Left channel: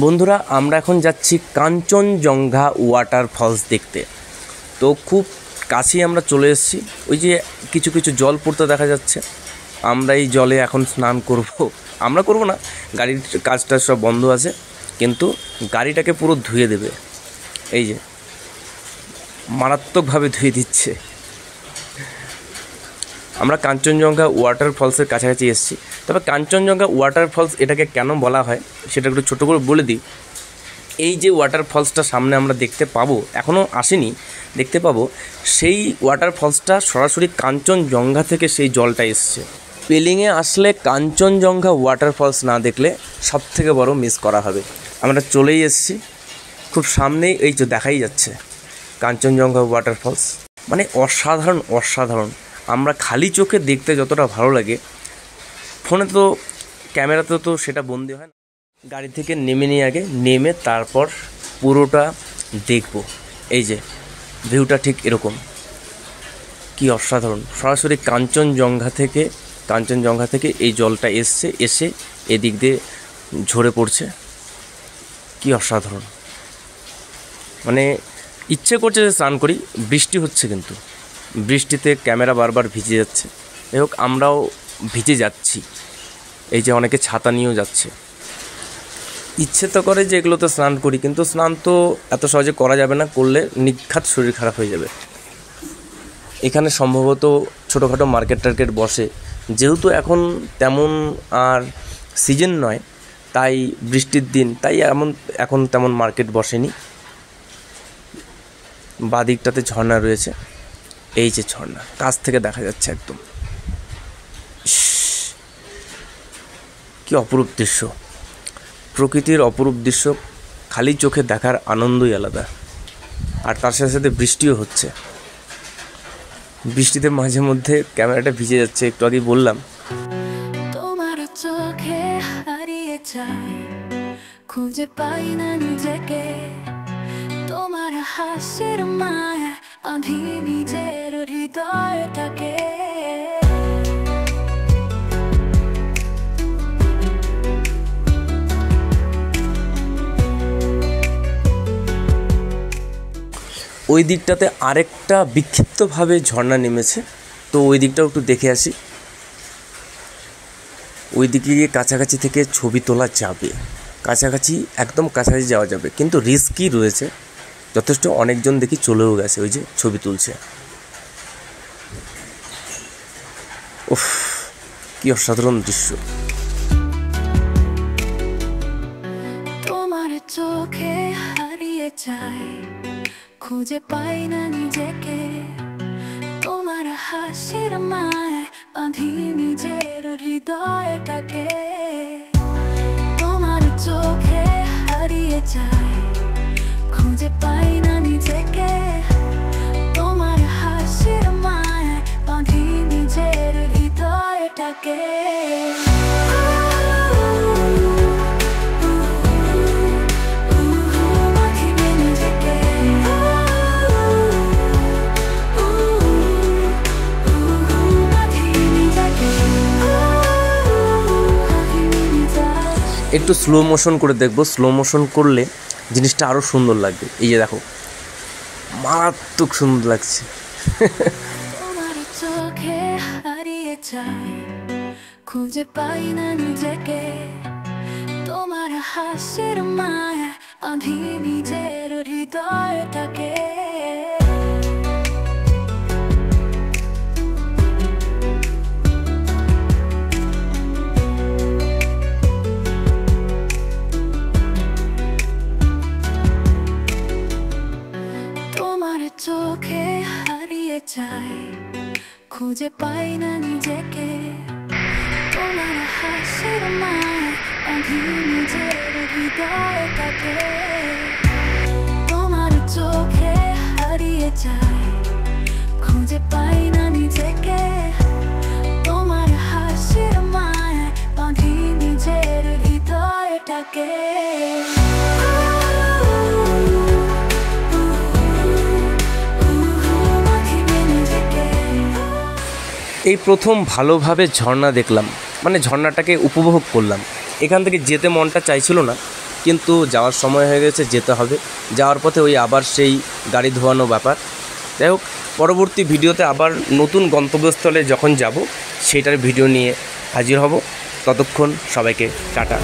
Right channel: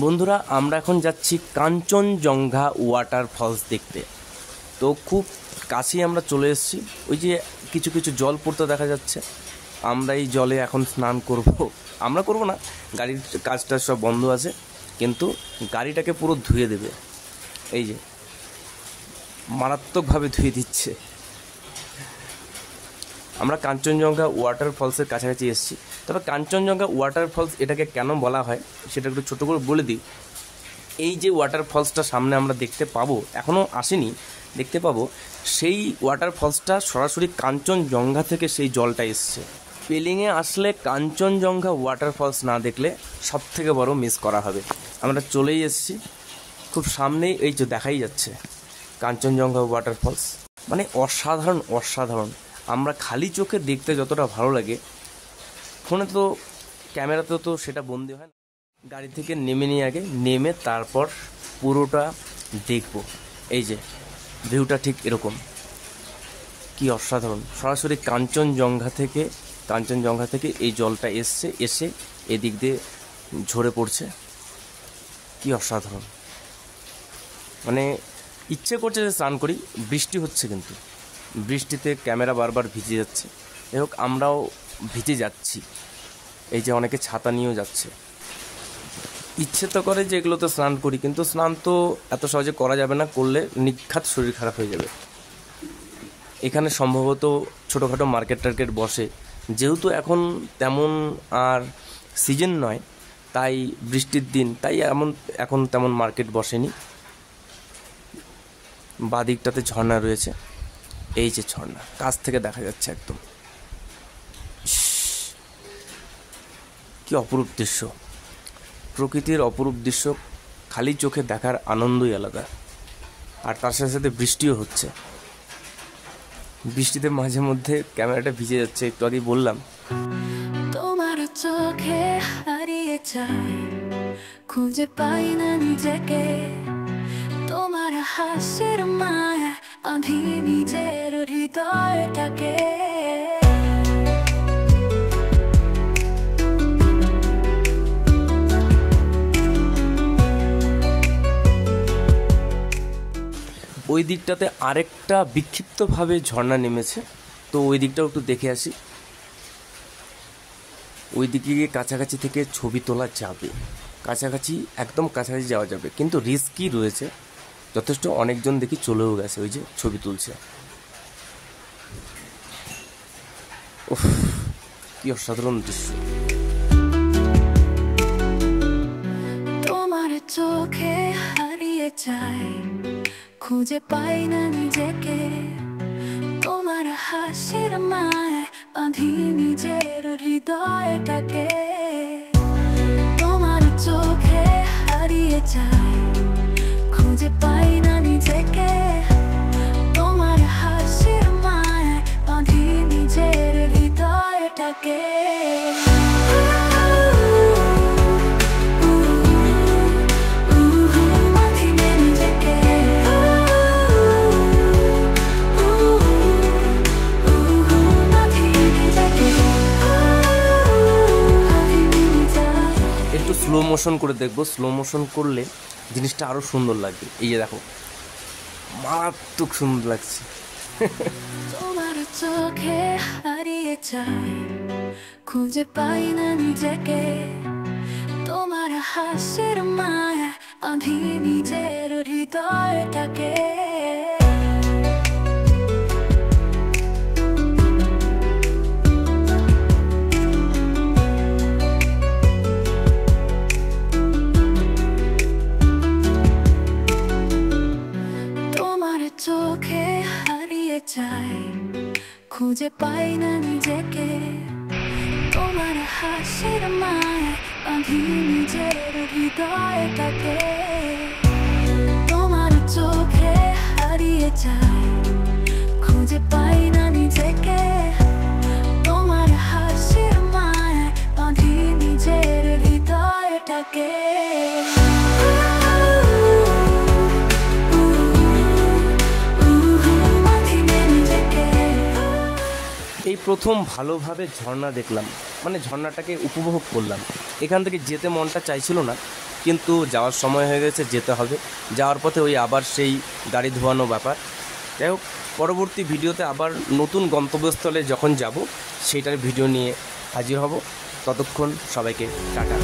বন্ধুরা আমরা এখন যাচ্ছি কাঞ্চনজঙ্ঘা ওয়াটারফলস দেখতে। তো খুব কাছেই আমরা চলে এসেছি। ওই যে কিছু কিছু জল পড়তে দেখা যাচ্ছে। আমরা এই জলে এখন স্নান করব। আমরা করব না, গাড়ির কাজটা সব বন্ধ আছে, কিন্তু গাড়িটাকে পুরো ধুয়ে দেবে। এই যে মারাত্মকভাবে ধুয়ে দিচ্ছে। আমরা কাঞ্চনজঙ্ঘা ওয়াটারফলসের কাছাকাছি এসেছি। তবে কাঞ্চনজঙ্ঘা ওয়াটারফলস এটাকে কেন বলা হয় সেটা একটু ছোটো করে বলে দিই। এই যে ওয়াটারফলসটা সামনে আমরা দেখতে পাবো, এখনও আসেনি, দেখতে পাবো, সেই ওয়াটারফলসটা সরাসরি কাঞ্চনজঙ্ঘা থেকে সেই জলটা এসছে। পেলিংয়ে আসলে কাঞ্চনজঙ্ঘা ওয়াটারফলস না দেখলে সবথেকে বড় মিস করা হবে। আমরা চলেই এসেছি, খুব সামনেই এই যে দেখাই যাচ্ছে কাঞ্চনজঙ্ঘা ওয়াটারফলস। মানে অসাধারণ অসাধারণ। আমরা খালি চোখে দেখতে যতটা ভালো লাগে, ফোনে তো ক্যামেরাতে তো সেটা বন্দি হয় না। গাড়ি থেকে নেমে নিয়ে আগে নেমে তারপর পুরোটা দেখব। এই যে ভিউটা ঠিক এরকম, কি অসাধারণ। সরাসরি কাঞ্চনজঙ্ঘা থেকে এই জলটা এসে এদিক দিয়ে ঝরে পড়ছে। কি অসাধারণ। মানে ইচ্ছে করছে যে স্নান করি, বৃষ্টি হচ্ছে, কিন্তু বৃষ্টিতে ক্যামেরা বারবার ভিজে যাচ্ছে। যাই হোক, আমরাও ভিজে যাচ্ছি। এই যে অনেকে ছাতা নিয়েও যাচ্ছে। ইচ্ছে তো করে যে এগুলোতে স্নান করি, কিন্তু স্নান তো এত সহজে করা যাবে না, করলে নিঘাত শরীর খারাপ হয়ে যাবে। এখানে সম্ভবত ছোটোখাটো মার্কেট টার্কেট বসে, যেহেতু এখন তেমন আর সিজন নয়, তাই বৃষ্টির দিন, তাই এখন তেমন মার্কেট বসেনি। বাদিকটাতে ঝর্ণা রয়েছে। এই যে ঝর্ণা কাছ থেকে দেখা যাচ্ছে একদম। কি অপরূপ দৃশ্য, প্রকৃতির অপরূপ দৃশ্য খালি চোখে দেখার আনন্দই আলাদা। আর তার সাথে সাথে বৃষ্টিও হচ্ছে। বৃষ্টিতে মাঝে মধ্যে ক্যামেরাটা ভিজে যাচ্ছে, একটু আগেই বললাম। তোমার চোখে হারিয়ে যাই, খুঁজে পাই না নিজেকে, তোমার হাসির মায় আমি নিজের হৃদয়টাকে। ওই দিকটাতে আরেকটা বিক্ষিপ্তভাবে ঝর্ণা নেমেছে, তো ওই দিকটাও একটু দেখে আসি। ওই দিকে গিয়ে কাছাকাছি থেকে ছবি তোলা যাবে, কাছাকাছি একদম কাছাকাছি যাওয়া যাবে, কিন্তু রিস্কই রয়েছে যথেষ্ট। অনেকজন দেখি চলেও গেছে, ওই যে ছবি তুলছে। উফ, কি অসাধারণ দৃশ্য। তোমার চোখে হারিয়ে যাই, খুঁজে পাই না নিজেকে, তোমার হাসির মায় বাঁধি নিজের হৃদয়টাকে। তোমার চোখে হারিয়ে যাই, খুঁজে পাই না নিজেকে, তোমার হাসির মায় বাঁধি নিজের হৃদয়টাকে। একটু স্লো মোশন করে দেখবো, স্লো মোশন করলে জিনিসটা আরও সুন্দর লাগবে। এই যে দেখো, মারাত্মক সুন্দর লাগছে। তোমার চোখে হারিয়ে যাই, খুঁজে পাই না নিজেকে, তোমার হাসির মায় আমি নিজের হৃদয়টাকে। চোখে হারিয়ে যাই, খুঁজে পাই না নিজেকে, তোমার হাসির মায় বাঁধি নিজের হৃদয়টাকে। তোমার চোখে হারিয়ে যাই, খুঁজে পাই না নিজেকে, তোমার হাসির মায় বাঁধি নিজের হৃদয়টাকে। এই প্রথম ভালোভাবে ঝর্ণা দেখলাম, মানে ঝর্ণাটাকে উপভোগ করলাম। এখান থেকে যেতে মনটা চাইছিল না, কিন্তু যাওয়ার সময় হয়ে গেছে, যেতে হবে। যাওয়ার পথে ওই আবার সেই গাড়ি ধোয়ানো ব্যাপার। যাই হোক, পরবর্তী ভিডিওতে আবার নতুন গন্তব্যস্থলে যখন যাব সেটার ভিডিও নিয়ে হাজির হব। ততক্ষণ সবাইকে টাটা।